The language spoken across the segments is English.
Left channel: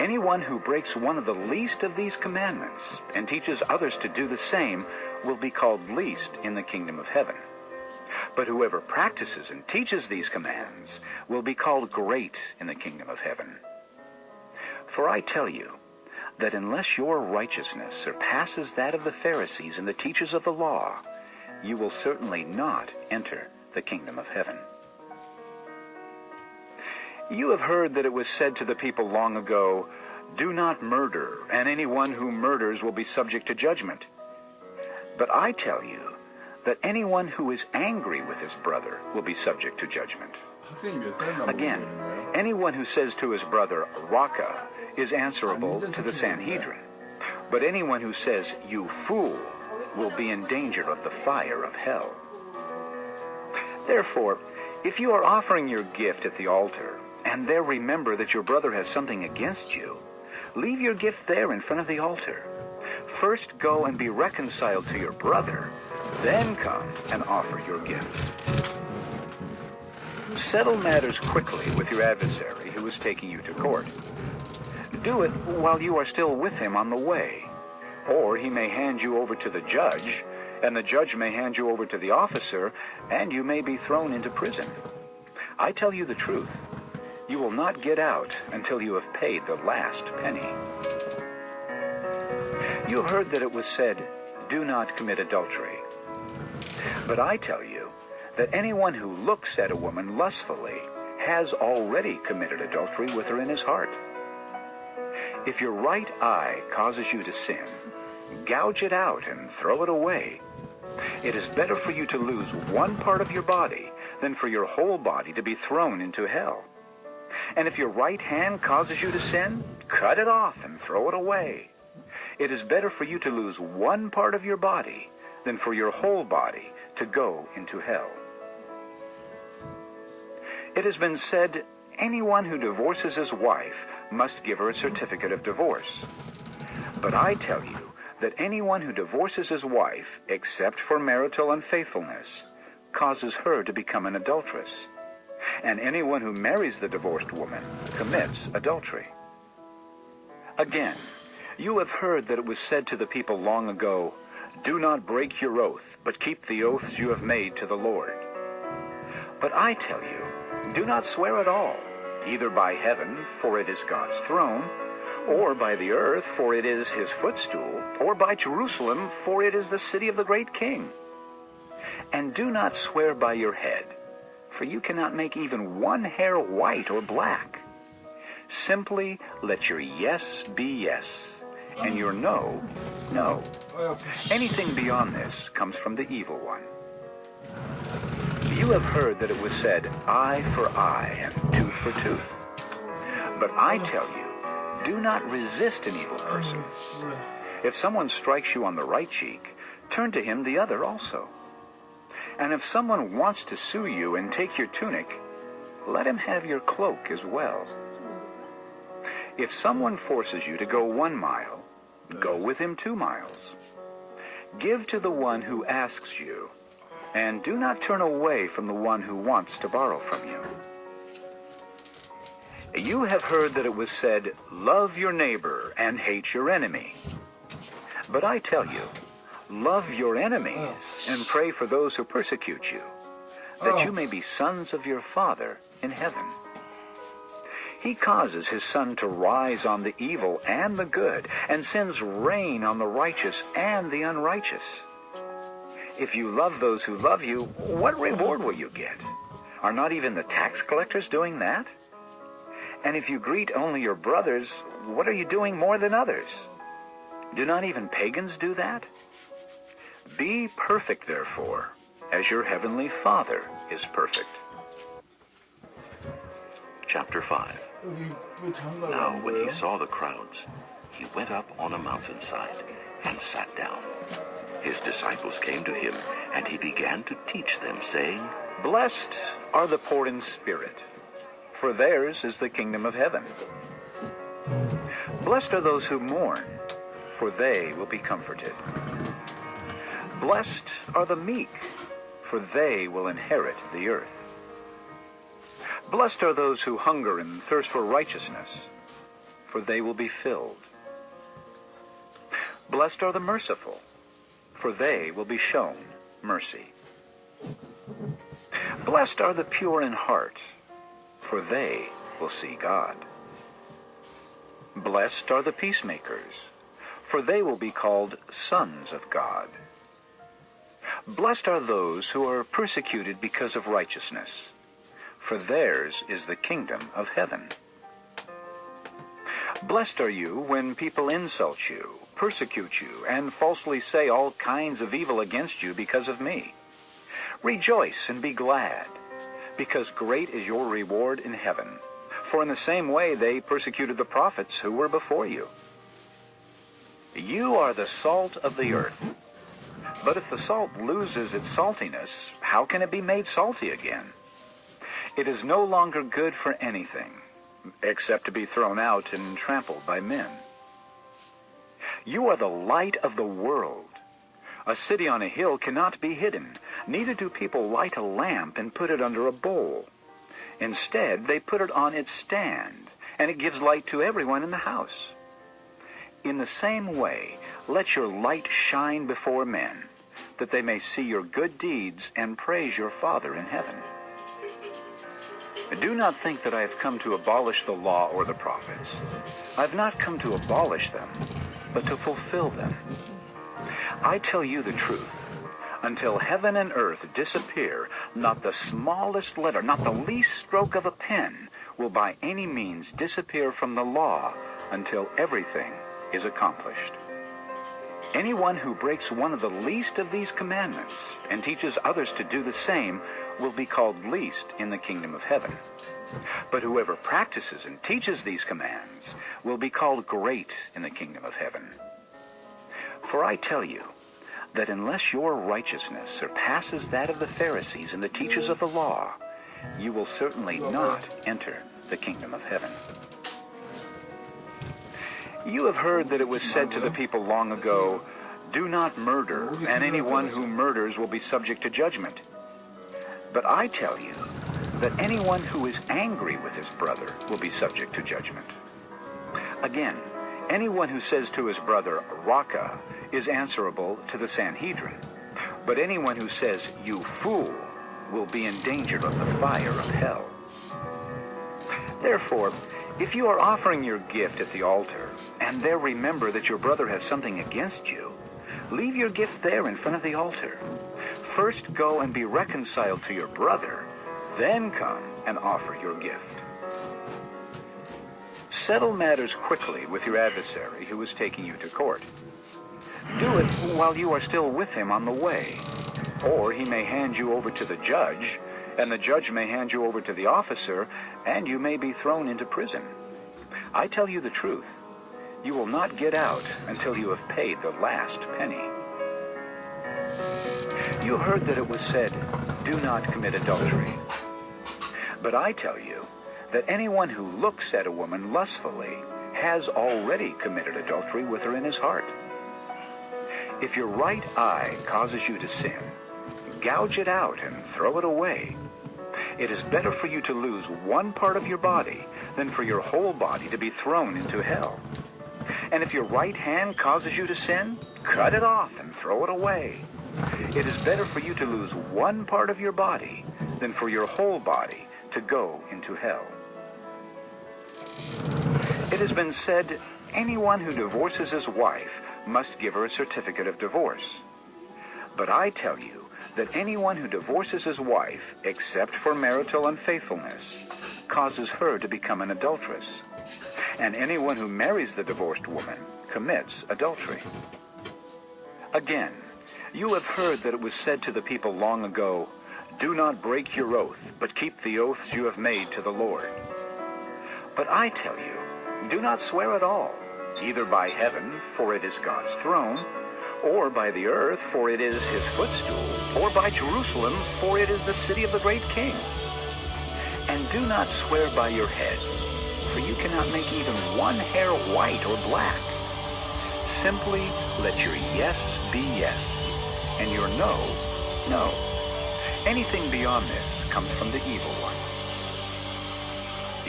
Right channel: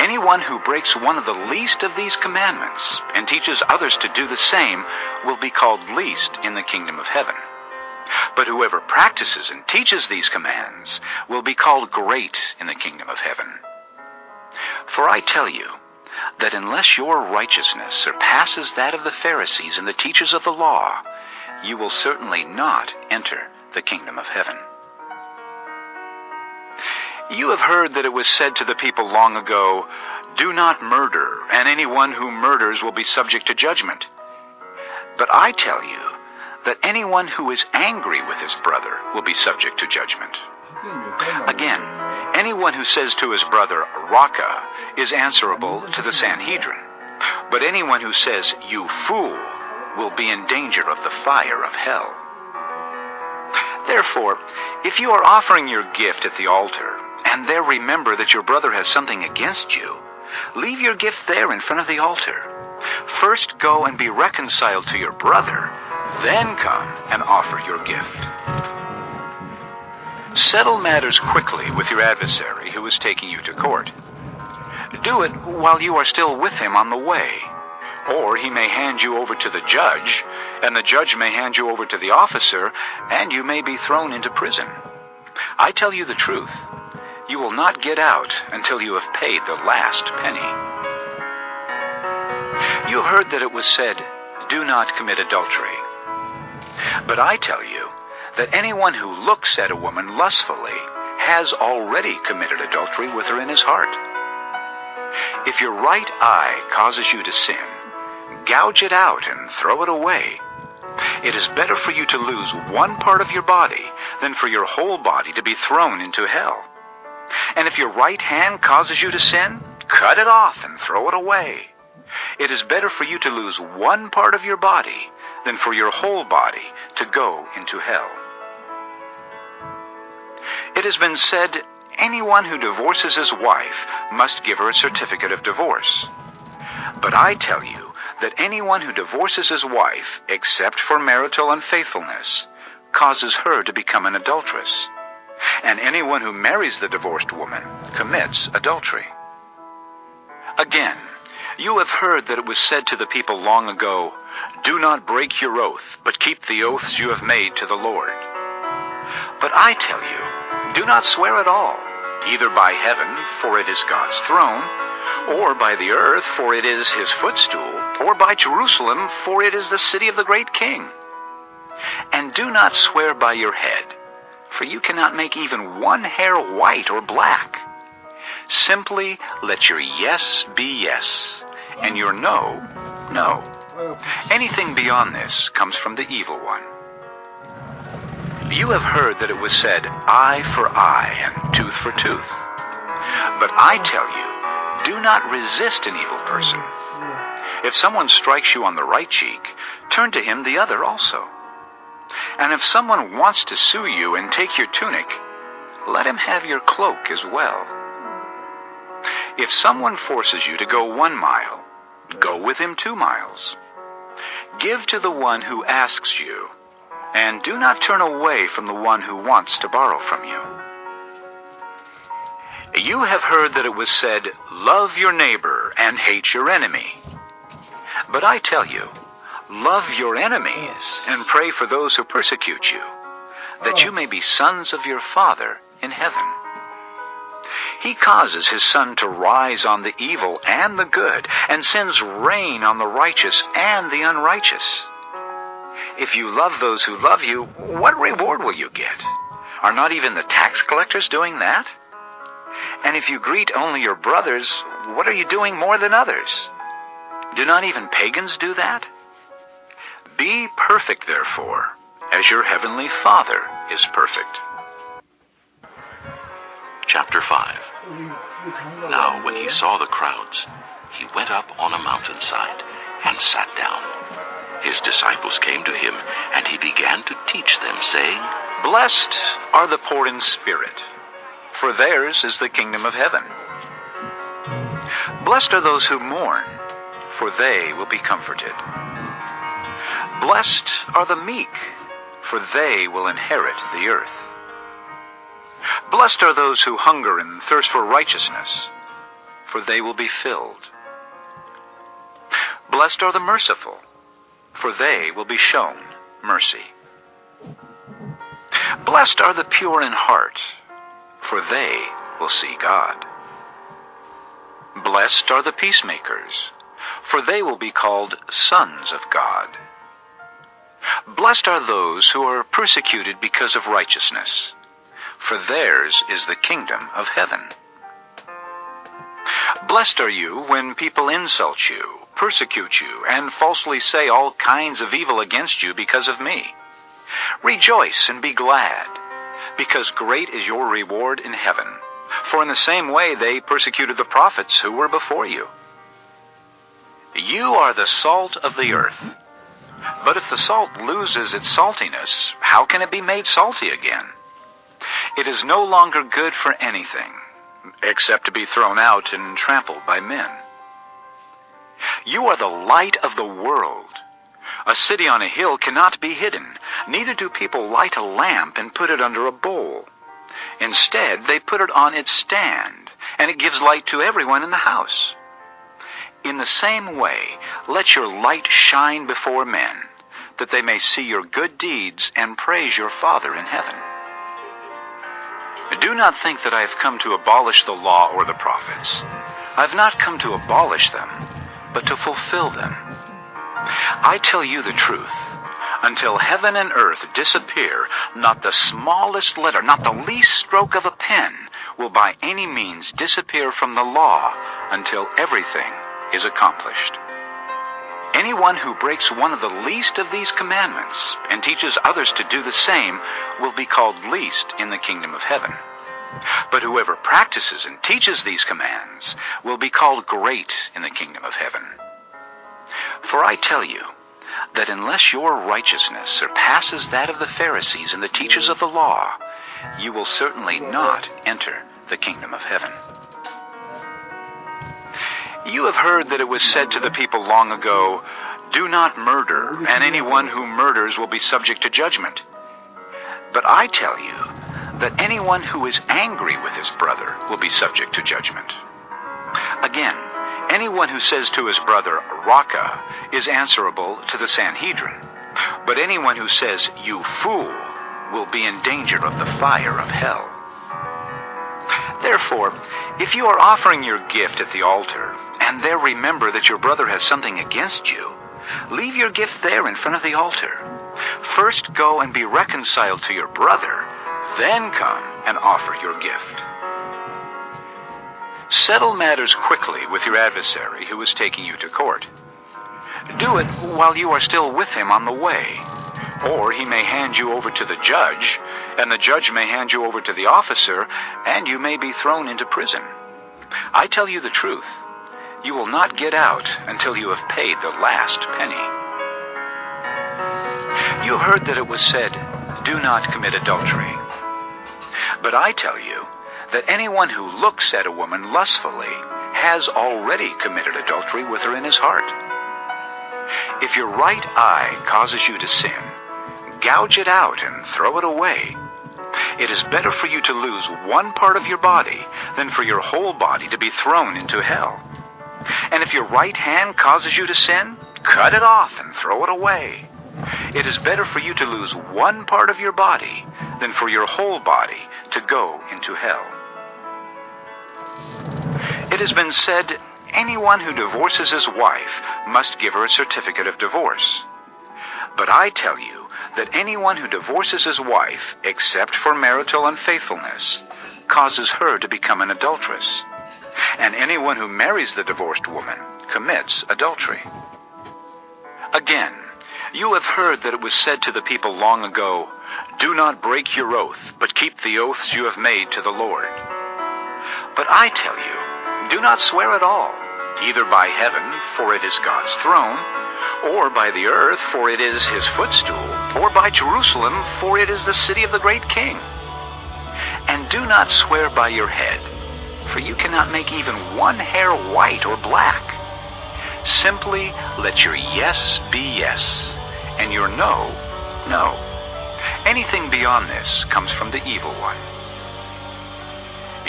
Anyone who breaks one of the least of these commandments and teaches others to do the same will be called least in the kingdom of heaven. But whoever practices and teaches these commands will be called great in the kingdom of heaven. For I tell you that unless your righteousness surpasses that of the Pharisees and the teachers of the law, you will certainly not enter the kingdom of heaven. You have heard that it was said to the people long ago, "Do not murder, and anyone who murders will be subject to judgment." But I tell you that anyone who is angry with his brother will be subject to judgment. Again, anyone who says to his brother, "Raka," is answerable to the Sanhedrin. But anyone who says, "You fool," will be in danger of the fire of hell. Therefore, if you are offering your gift at the altar, and there remember that your brother has something against you, leave your gift there in front of the altar. First go and be reconciled to your brother, then come and offer your gift. Settle matters quickly with your adversary who is taking you to court. Do it while you are still with him on the way, or he may hand you over to the judge, and the judge may hand you over to the officer, and you may be thrown into prison. I tell you the truth, you will not get out until you have paid the last penny. You have heard that it was said, "Do not commit adultery." But I tell you that anyone who looks at a woman lustfully has already committed adultery with her in his heart. If your right eye causes you to sin, gouge it out and throw it away. It is better for you to lose one part of your body than for your whole body to be thrown into hell. And if your right hand causes you to sin, cut it off and throw it away. It is better for you to lose one part of your body than for your whole body to go into hell. It has been said, anyone who divorces his wife must give her a certificate of divorce. But I tell you that anyone who divorces his wife, except for marital unfaithfulness, causes her to become an adulteress. And anyone who marries the divorced woman commits adultery. Again, you have heard that it was said to the people long ago, "Do not break your oath, but keep the oaths you have made to the Lord." But I tell you, do not swear at all, either by heaven, for it is God's throne, or by the earth, for it is his footstool, or by Jerusalem, for it is the city of the great king. And do not swear by your head, for you cannot make even one hair white or black. Simply let your yes be yes, and your no, no. Anything beyond this comes from the evil one. You have heard that it was said, "Eye for eye and tooth for tooth." But I tell you, do not resist an evil person. If someone strikes you on the right cheek, turn to him the other also. And if someone wants to sue you and take your tunic, let him have your cloak as well. If someone forces you to go 1 mile, go with him 2 miles. Give to the one who asks you, and do not turn away from the one who wants to borrow from you. You have heard that it was said, "Love your neighbor and hate your enemy." But I tell you, love your enemies and pray for those who persecute you, that you may be sons of your Father in heaven. He causes his sun to rise on the evil and the good, and sends rain on the righteous and the unrighteous. If you love those who love you, what reward will you get? Are not even the tax collectors doing that? And if you greet only your brothers, what are you doing more than others? Do not even pagans do that? Be perfect, therefore, as your heavenly Father is perfect. Chapter 5. Now when he saw the crowds, he went up on a mountainside and sat down. His disciples came to him, and he began to teach them, saying, "Blessed are the poor in spirit, for theirs is the kingdom of heaven. Blessed are those who mourn, for they will be comforted. Blessed are the meek, for they will inherit the earth. Blessed are those who hunger and thirst for righteousness, for they will be filled. Blessed are the merciful, for they will be shown mercy. Blessed are the pure in heart, for they will see God. Blessed are the peacemakers, for they will be called sons of God. Blessed are those who are persecuted because of righteousness, for theirs is the kingdom of heaven. Blessed are you when people insult you, persecute you, and falsely say all kinds of evil against you because of me. Rejoice and be glad, because great is your reward in heaven. For in the same way they persecuted the prophets who were before you. You are the salt of the earth. But if the salt loses its saltiness, how can it be made salty again? It is no longer good for anything, except to be thrown out and trampled by men. You are the light of the world. A city on a hill cannot be hidden, neither do people light a lamp and put it under a bowl. Instead, they put it on its stand, and it gives light to everyone in the house. In the same way, let your light shine before men, that they may see your good deeds and praise your Father in heaven. Do not think that I have come to abolish the law or the prophets. I have not come to abolish them, but to fulfill them. I tell you the truth. Until heaven and earth disappear, not the smallest letter, not the least stroke of a pen, will by any means disappear from the law until everything is accomplished. Anyone who breaks one of the least of these commandments and teaches others to do the same will be called least in the kingdom of heaven. But whoever practices and teaches these commands will be called great in the kingdom of heaven. For I tell you that unless your righteousness surpasses that of the Pharisees and the teachers of the law, you will certainly not enter the kingdom of heaven. You have heard that it was said to the people long ago, "Do not murder, and anyone who murders will be subject to judgment." But I tell you that anyone who is angry with his brother will be subject to judgment. Again, anyone who says to his brother, "Raka," is answerable to the Sanhedrin. But anyone who says, "You fool," will be in danger of the fire of hell. Therefore, if you are offering your gift at the altar, and there remember that your brother has something against you, leave your gift there in front of the altar. First go and be reconciled to your brother, then come and offer your gift. Settle matters quickly with your adversary who is taking you to court. Do it while you are still with him on the way, or he may hand you over to the judge, and the judge may hand you over to the officer, and you may be thrown into prison. I tell you the truth, you will not get out until you have paid the last penny. You have heard that it was said, "Do not commit adultery." But I tell you that anyone who looks at a woman lustfully has already committed adultery with her in his heart. If your right eye causes you to sin, gouge it out and throw it away. It is better for you to lose one part of your body than for your whole body to be thrown into hell. And if your right hand causes you to sin, cut it off and throw it away. It is better for you to lose one part of your body than for your whole body to go into hell. It has been said, anyone who divorces his wife must give her a certificate of divorce. But I tell you that anyone who divorces his wife, except for marital unfaithfulness, causes her to become an adulteress. And anyone who marries the divorced woman commits adultery. Again, you have heard that it was said to the people long ago, "Do not break your oath, but keep the oaths you have made to the Lord." But I tell you, do not swear at all, either by heaven, for it is God's throne, or by the earth, for it is his footstool, or by Jerusalem, for it is the city of the great king. And do not swear by your head, for you cannot make even one hair white or black. Simply let your yes be yes, and your no, no. Anything beyond this comes from the evil one.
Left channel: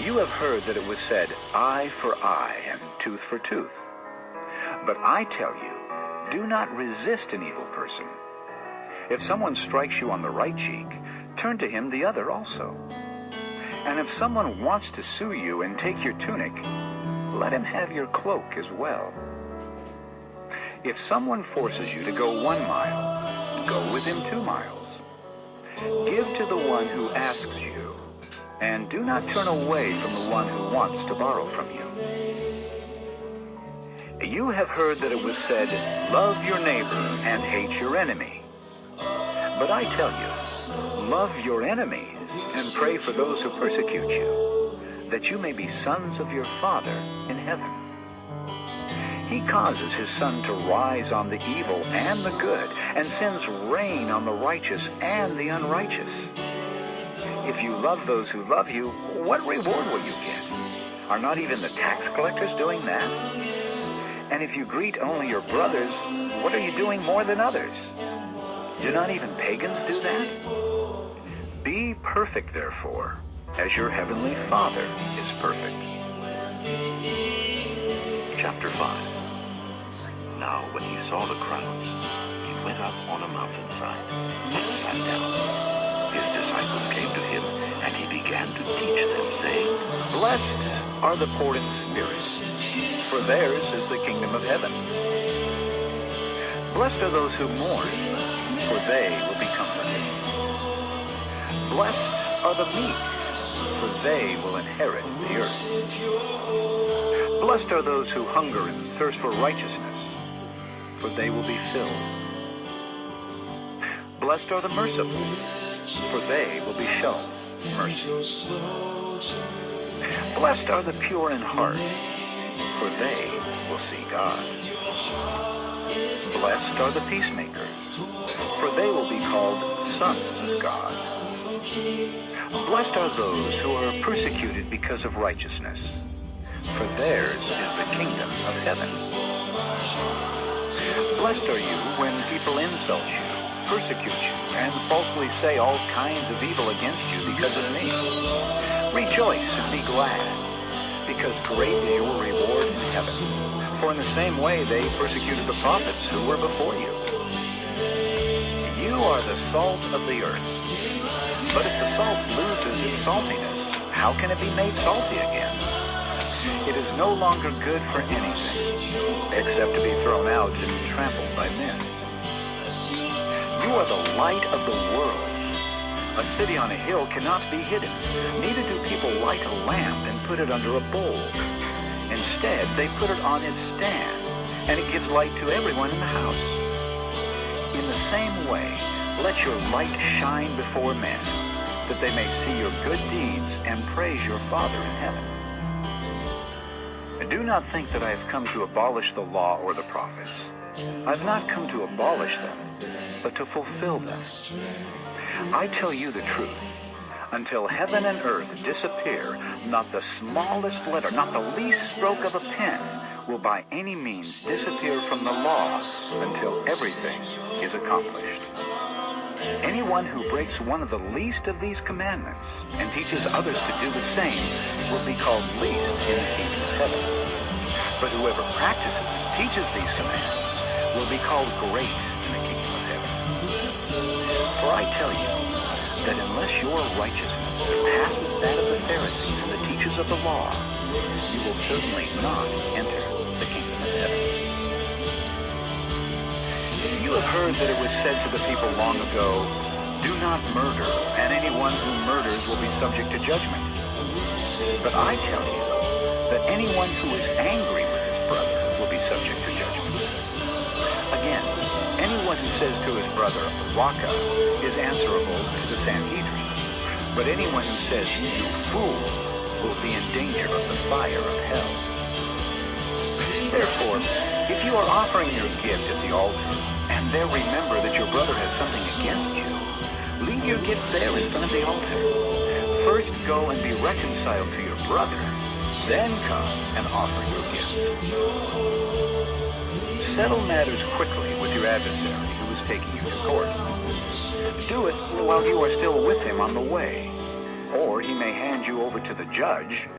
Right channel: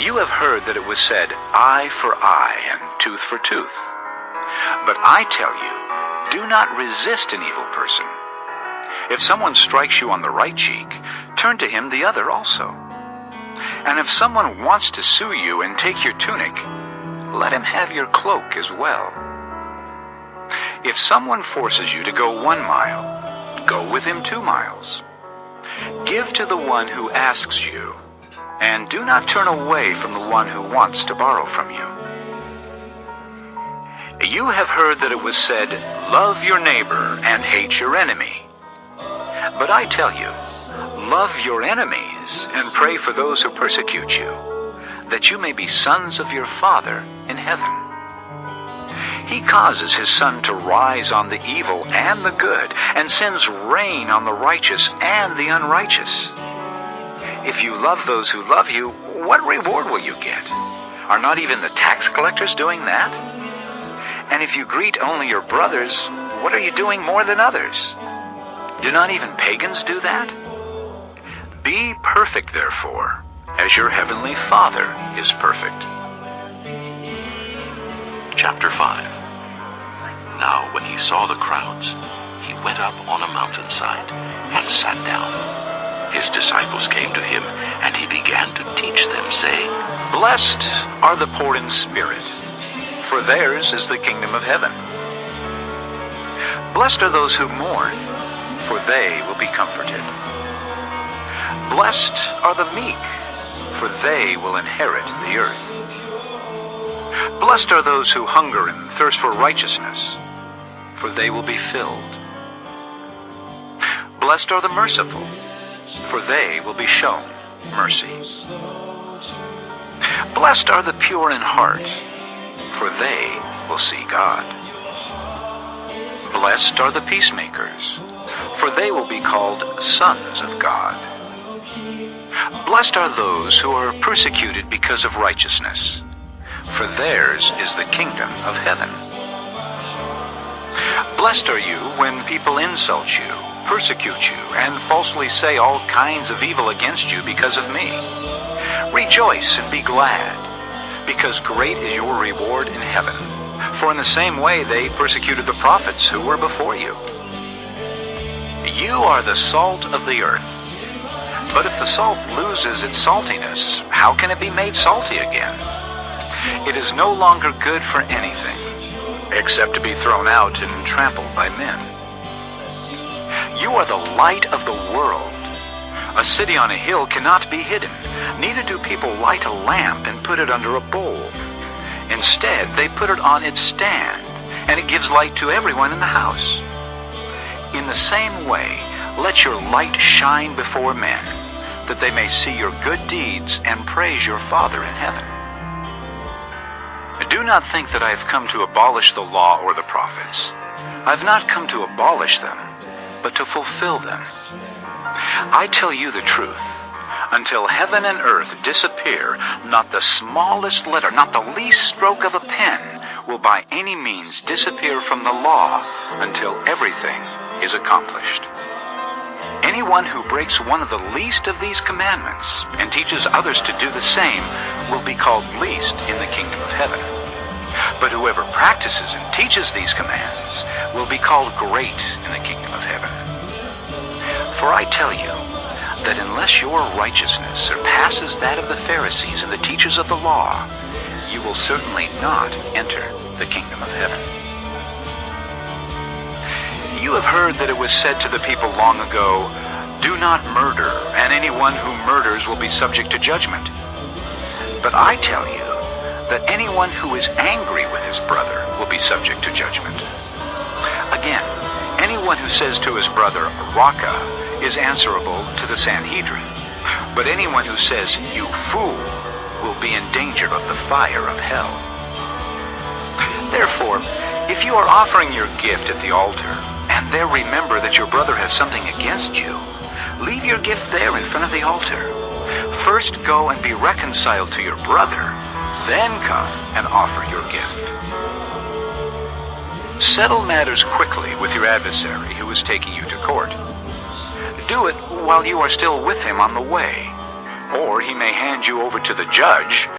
You have heard that it was said, eye for eye and tooth for tooth. But I tell you, do not resist an evil person. If someone strikes you on the right cheek, turn to him the other also. And if someone wants to sue you and take your tunic, let him have your cloak as well. If someone forces you to go 1 mile, go with him 2 miles. Give to the one who asks you, and do not turn away from the one who wants to borrow from you. You have heard that it was said, love your neighbor and hate your enemy. But I tell you, love your enemies and pray for those who persecute you, that you may be sons of your Father in heaven. He causes his sun to rise on the evil and the good, and sends rain on the righteous and the unrighteous. If you love those who love you, what reward will you get? Are not even the tax collectors doing that? And if you greet only your brothers, what are you doing more than others? Do not even pagans do that? Be perfect, therefore, as your heavenly Father is perfect. Chapter 5. Now when he saw the crowds, he went up on a mountainside and sat down. His disciples came to him, and he began to teach them, saying, Blessed are the poor in spirit, for theirs is the kingdom of heaven. Blessed are those who mourn, for they will be comforted. Blessed are the meek, for they will inherit the earth. Blessed are those who hunger and thirst for righteousness, for they will be filled. Blessed are the merciful, for they will be shown mercy. Blessed are the pure in heart, for they will see God. Blessed are the peacemakers, for they will be called sons of God. Blessed are those who are persecuted because of righteousness, for theirs is the kingdom of heaven. Blessed are you when people insult you, persecute you, and falsely say all kinds of evil against you because of me. Rejoice and be glad, because great is your reward in heaven. For in the same way they persecuted the prophets who were before you. You are the salt of the earth. But if the salt loses its saltiness, how can it be made salty again? It is no longer good for anything, except to be thrown out and trampled by men. You are the light of the world. A city on a hill cannot be hidden, neither do people light a lamp and put it under a bowl. Instead, they put it on its stand, and it gives light to everyone in the house. In the same way, let your light shine before men, that they may see your good deeds and praise your Father in heaven. Do not think that I have come to abolish the law or the prophets. I have not come to abolish them, but to fulfill them. I tell you the truth. Until heaven and earth disappear, not the smallest letter, not the least stroke of a pen, will by any means disappear from the law until everything is accomplished. Anyone who breaks one of the least of these commandments and teaches others to do the same will be called least in the kingdom of heaven. But whoever practices and teaches these commands will be called great in the kingdom of heaven. For I tell you that unless your righteousness surpasses that of the Pharisees and the teachers of the law, you will certainly not enter the kingdom of heaven. You have heard that it was said to the people long ago, do not murder, and anyone who murders will be subject to judgment. But I tell you that anyone who is angry with his brother will be subject to judgment. Again, anyone who says to his brother, Raka, is answerable to the Sanhedrin. But anyone who says, you fool, will be in danger of the fire of hell. Therefore, if you are offering your gift at the altar, and there remember that your brother has something against you, leave your gift there in front of the altar. First go and be reconciled to your brother, then come and offer your gift. Settle matters quickly with your adversary who is taking you to court. Do it while you are still with him on the way, or he may hand you over to the judge,